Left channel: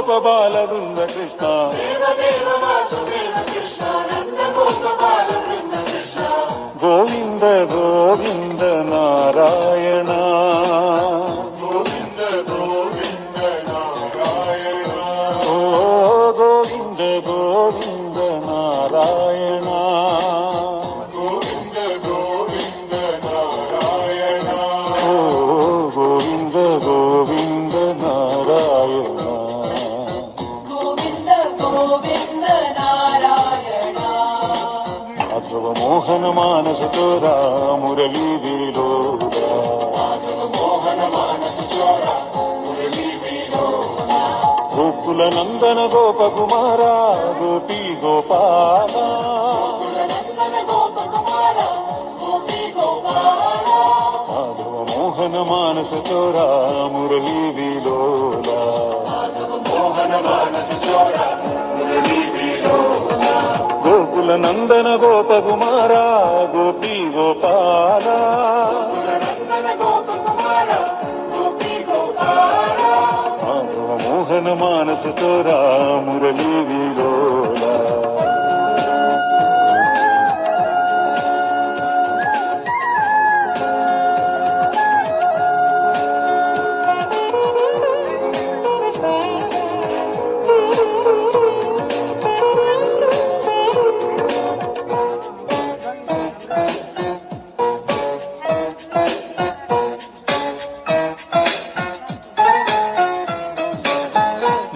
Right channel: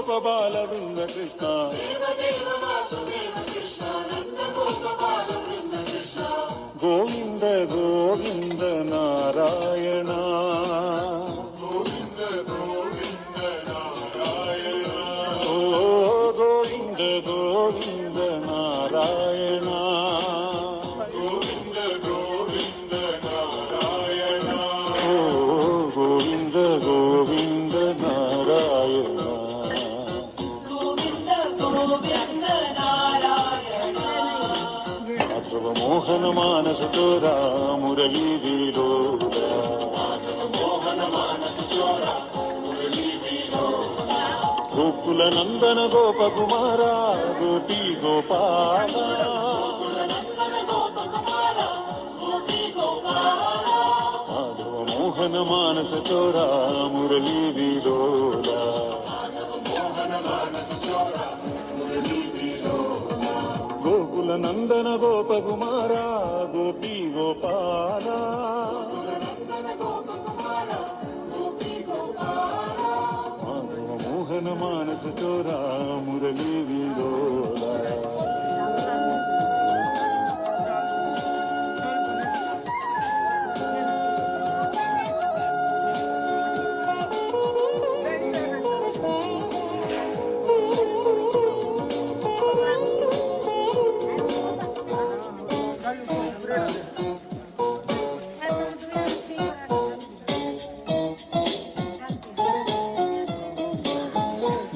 गोप बाल वृंद कृष्ण गोविंद गोविंद नारायण गोविंद गोविंद नारायण ओ गोविंद गोविंद नारायण गोविंद गोविंद नारायण ओ गोविंद गोविंद नारायण गोविंद गोविंद नारायण माधव मोहन मानस चोरा मुरली विलोला गोकुल नंदन गोप कुमारा गोपी गोपाला माधव मोहन मानस चोरा मुरली विलोला गोकुल नंदन गोप कुमारा गोपी गोपाला माधव मोहन मानस चोरा मुरली विलोला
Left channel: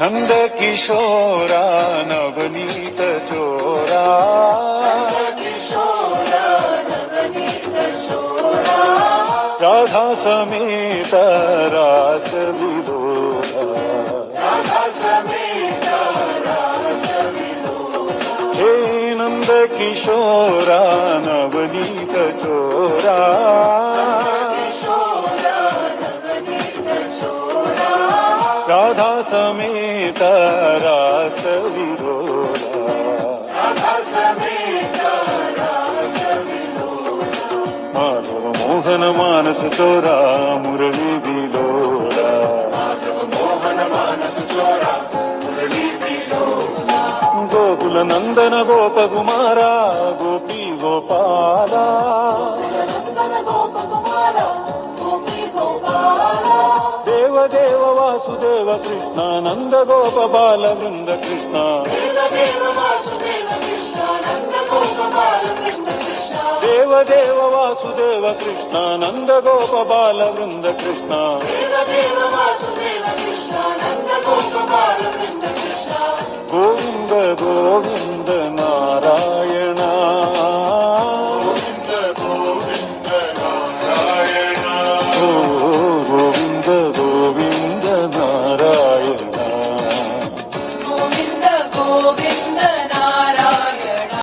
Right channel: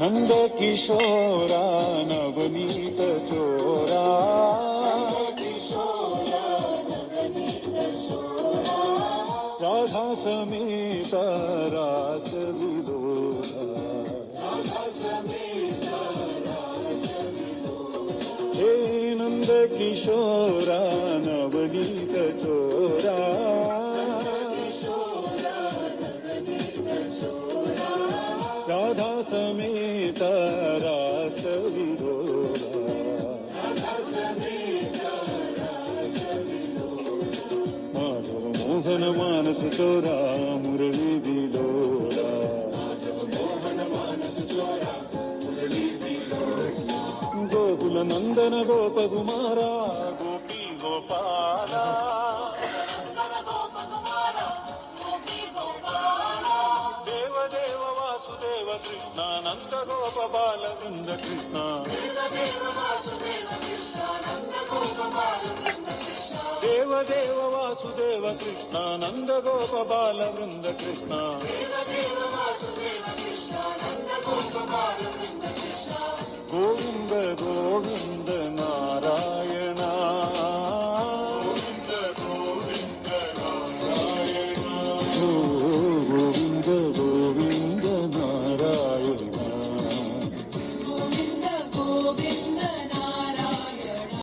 नंद किशोरा नवनीत चोरा राधा समेत रास विलोला हे नंद किशोरा नवनीत चोरा राधा समेत रास विलोला माधव मोहन मानस चोरा मुरली विलोला गोकुल नंदन गोप कुमारा गोपी गोपाला देव देव वासुदेव कृष्ण नंद गोप बाल वृंद कृष्ण देव देव वासुदेव कृष्ण नंद गोप बाल वृंद कृष्ण